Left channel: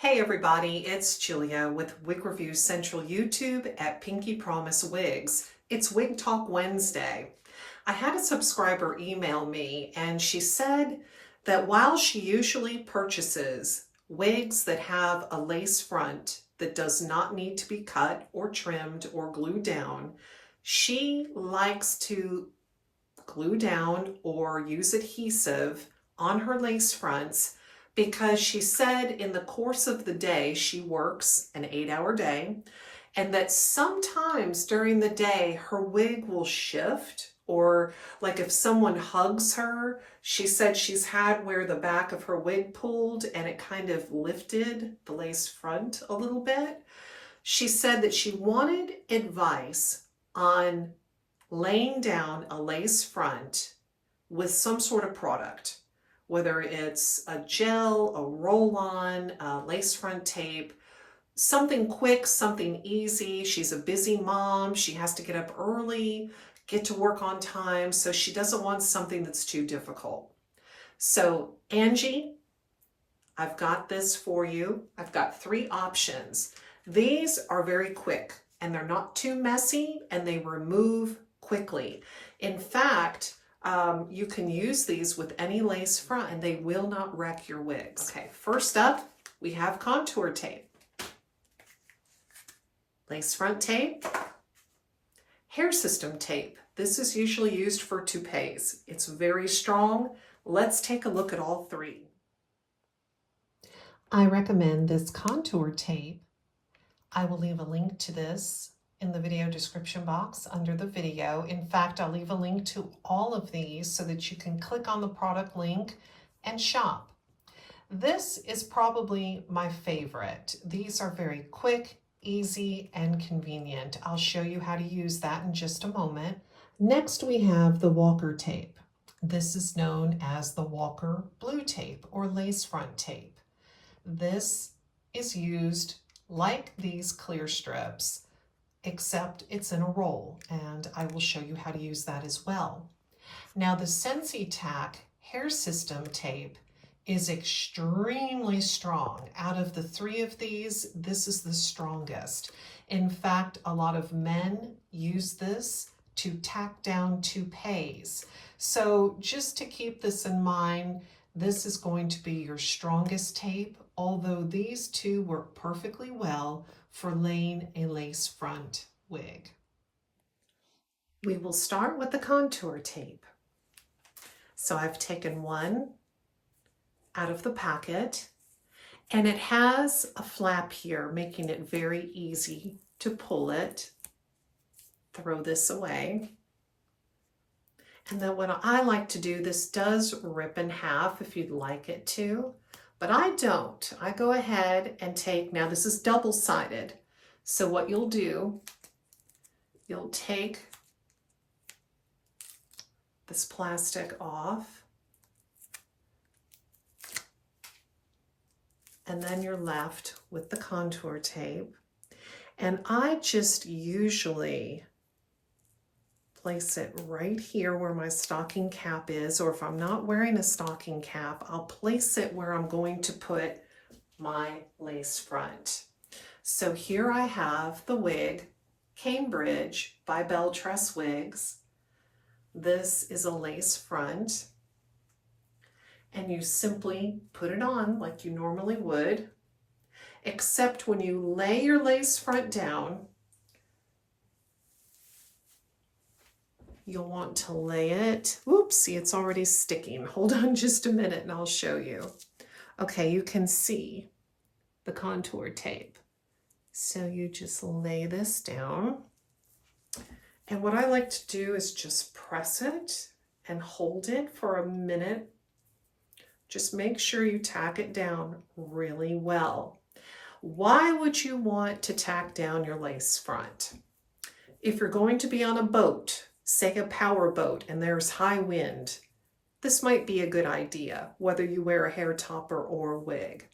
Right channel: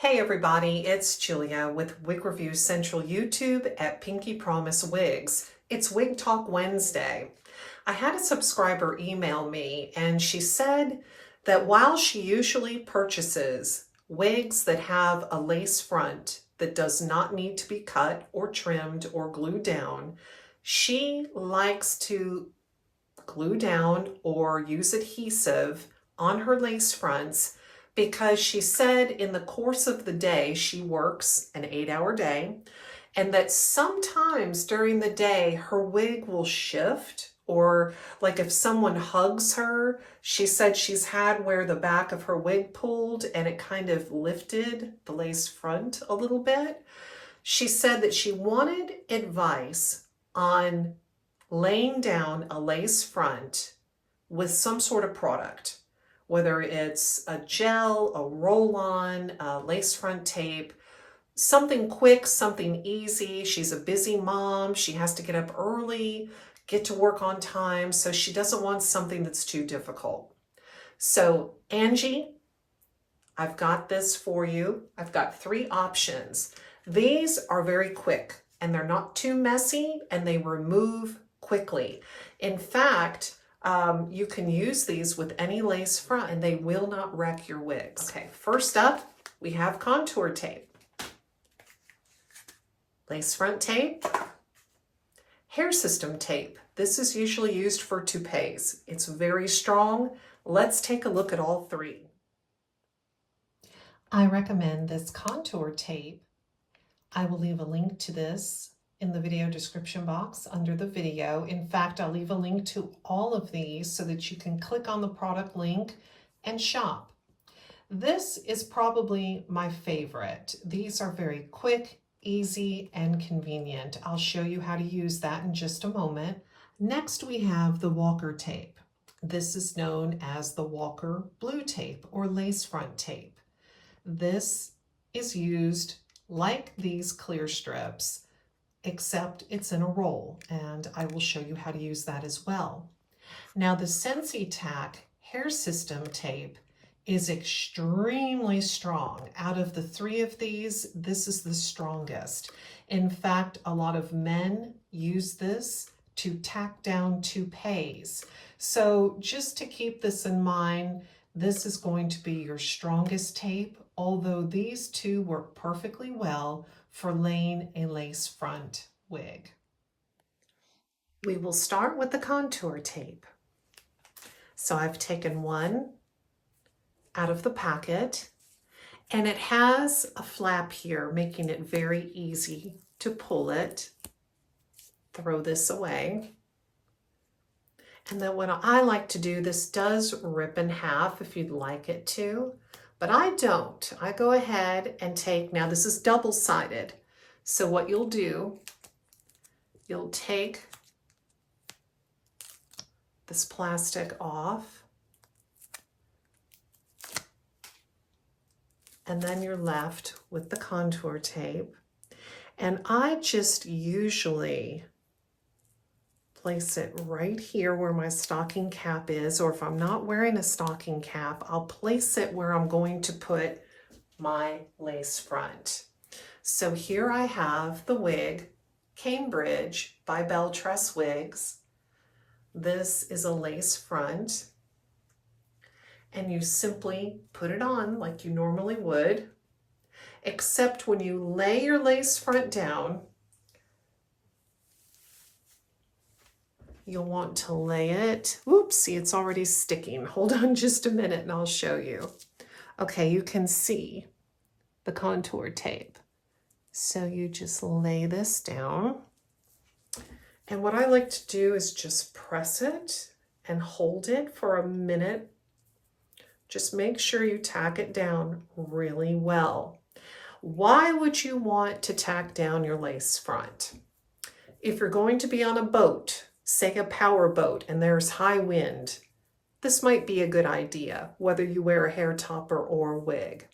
Hey everybody, it's Julia with Wig Review Central YouTube at Pinky Promise Wigs. It's Wig Talk Wednesday. I had a subscriber email me and she said that while she usually purchases wigs that have a lace front that does not need to be cut or trimmed or glued down, she likes to glue down or use adhesive on her lace fronts because she said in the course of the day she works an 8-hour day and that sometimes during the day her wig will shift, or like if someone hugs her, she said she's had where the back of her wig pulled and it kind of lifted the lace front a little bit. She said that she wanted advice on laying down a lace front with some sort of product, whether it's a gel, a roll-on, a lace front tape, something quick, something easy. She's a busy mom. She has to get up early, get to work on time, so she doesn't want something that's too difficult. So Angie, I've got this for you. I've got 3 options. These are very quick and they're not too messy and they remove quickly. In fact, you can use these with any lace front and they will not wreck your wigs. Okay, first up, we have contour tape, lace front tape, hair system tape. This is usually used for toupees. It's very strong. Let's take a look at all 3. I recommend this contour tape. I will leave a link to this in the video description box under the video. In fact, I'll leave a link to all of these so that you can click on the product link and shop. This is probably my favorite. These are very quick, easy, and convenient. I'll show you how to use that in just a moment. Next, we have the Walker tape. This is known as the Walker blue tape or lace front tape. This is used like these clear strips, except it's in a roll, and I will show you how to use that as well. Now the Sensi Tack hair system tape is extremely strong. Out of the 3 of these, this is the strongest. In fact, a lot of men use this to tack down toupees. So just to keep this in mind, this is going to be your strongest tape, although these 2 work perfectly well for laying a lace front wig. We will start with the contour tape. So I've taken one out of the packet and it has a flap here, making it very easy to pull it. Throw this away. And then what I like to do, this does rip in half if you'd like it to, but I don't. I go ahead and take, now this is double-sided. So what you'll do, you'll take this plastic off, and then you're left with the contour tape. And I just usually place it right here where my stocking cap is, or if I'm not wearing a stocking cap, I'll place it where I'm going to put my lace front. So here I have the wig Cambridge by Belle Tress Wigs. This is a lace front, and you simply put it on like you normally would, except when you lay your lace front down, you'll want to lay it, oops, see, it's already sticking. Hold on just a minute and I'll show you. Okay, you can see the contour tape. So you just lay this down. And what I like to do is just press it and hold it for a minute. Just make sure you tack it down really well. Why would you want to tack down your lace front? If you're going to be on a boat, say a power boat, and there's high wind, this might be a good idea, whether you wear a hair topper or a wig.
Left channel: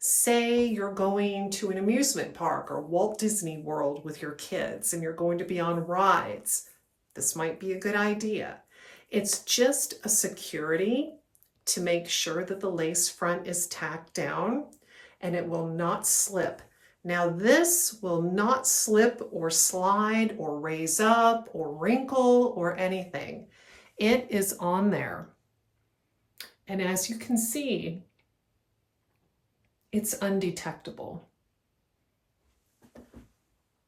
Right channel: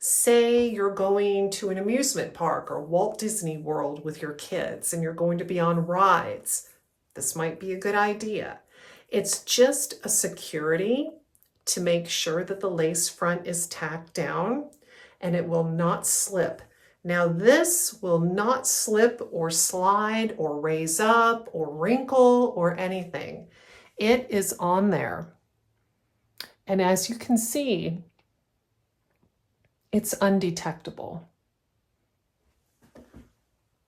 Say you're going to an amusement park or Walt Disney World with your kids and you're going to be on rides. This might be a good idea. It's just a security to make sure that the lace front is tacked down and it will not slip. Now this will not slip or slide or raise up or wrinkle or anything. It is on there. And as you can see, it's undetectable.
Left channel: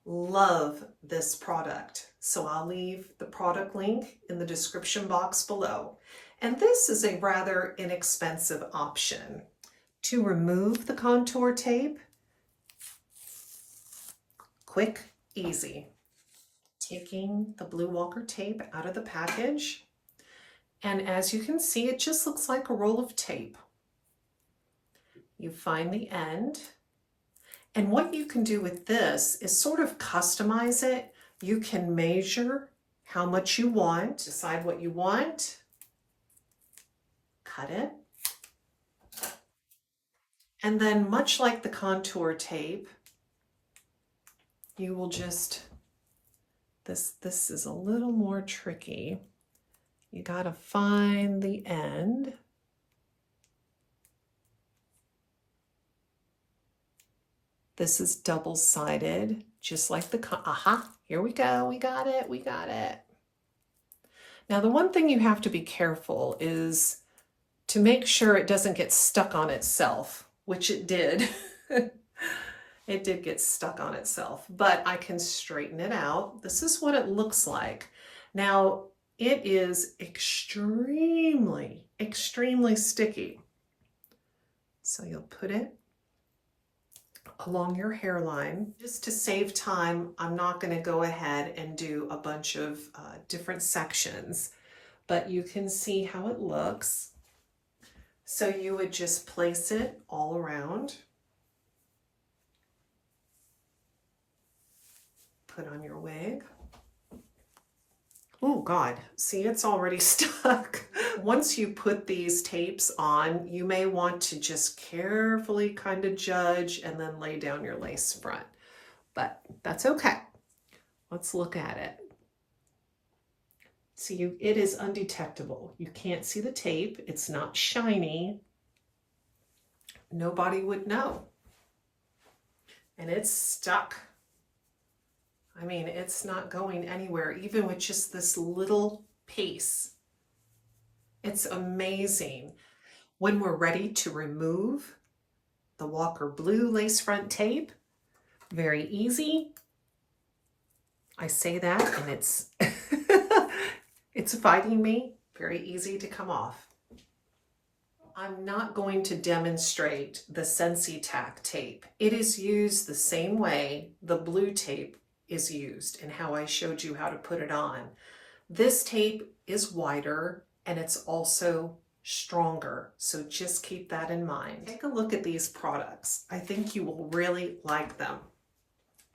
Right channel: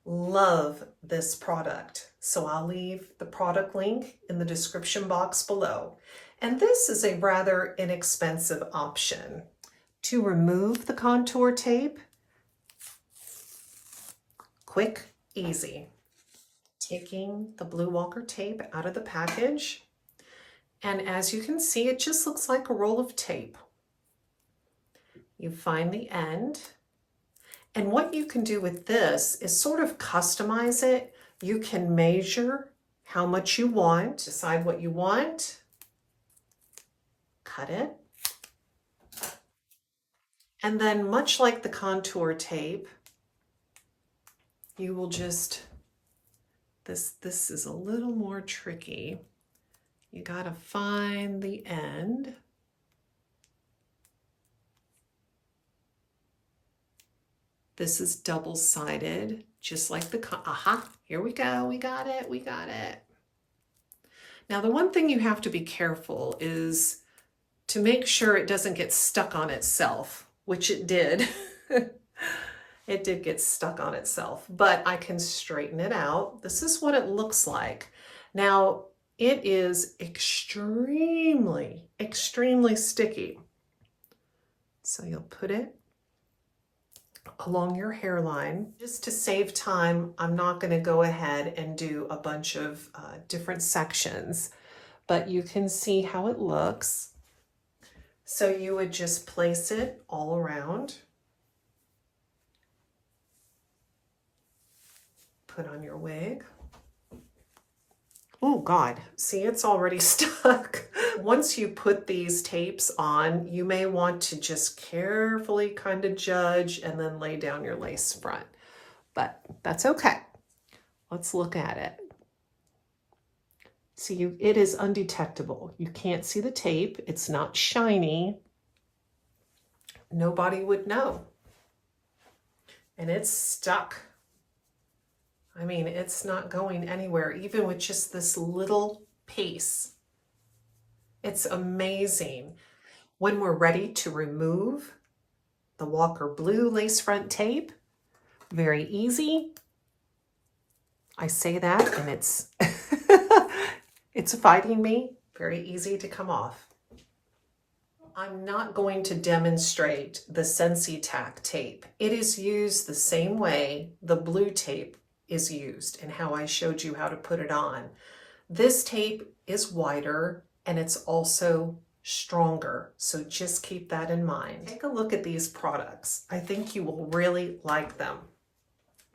Love this product. So I'll leave the product link in the description box below. And this is a rather inexpensive option. To remove the contour tape, quick, easy. Taking the Blue Walker tape out of the package. And as you can see, it just looks like a roll of tape. You find the end. And what you can do with this is sort of customize it. You can measure how much you want, decide what you want, cut it. And then much like the contour tape, you will just, this is a little more tricky. You gotta find the end. This is double-sided, just like the, aha, here we go, we got it, we got it. Now the one thing you have to be careful is to make sure it doesn't get stuck on itself, which it did. It did get stuck on itself, but I can straighten it out. This is what it looks like. Now, it is extremely, extremely sticky. So you'll put it along your hairline. Just to save time, I'm not going to go ahead and do a bunch of different sections, but you can see how it looks. So you would just place it all around. Put on your wig. Oh God, see, it's already stuck. Once you put these tapes on, you may want to just carefully kind of judge and then lay down your lace front, but that's okay. Let's look at it. See, it is undetectable. You can't see the tape. It's not shiny. Nobody would know. And it's stuck. I mean, it's not going anywhere, even with just this little piece. It's amazing. When we're ready to remove the Walker Blue lace front tape, very easy. I say that and it's, it's fighting me. Very easy to come off. I'm not going to demonstrate the Sensi Tack tape. It is used the same way the blue tape is used and how I showed you how to put it on. This tape is wider and it's also stronger, so just keep that in mind. Take a look at these products. I think you will really like them.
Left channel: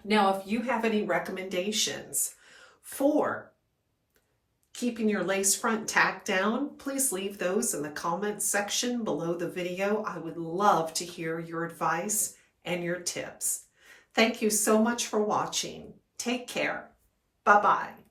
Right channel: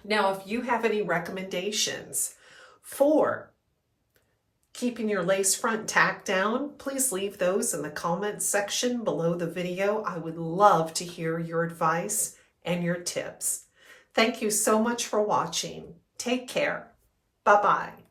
Now, if you have any recommendations for keeping your lace front tacked down, please leave those in the comments section below the video. I would love to hear your advice and your tips. Thank you so much for watching. Take care. Bye-bye.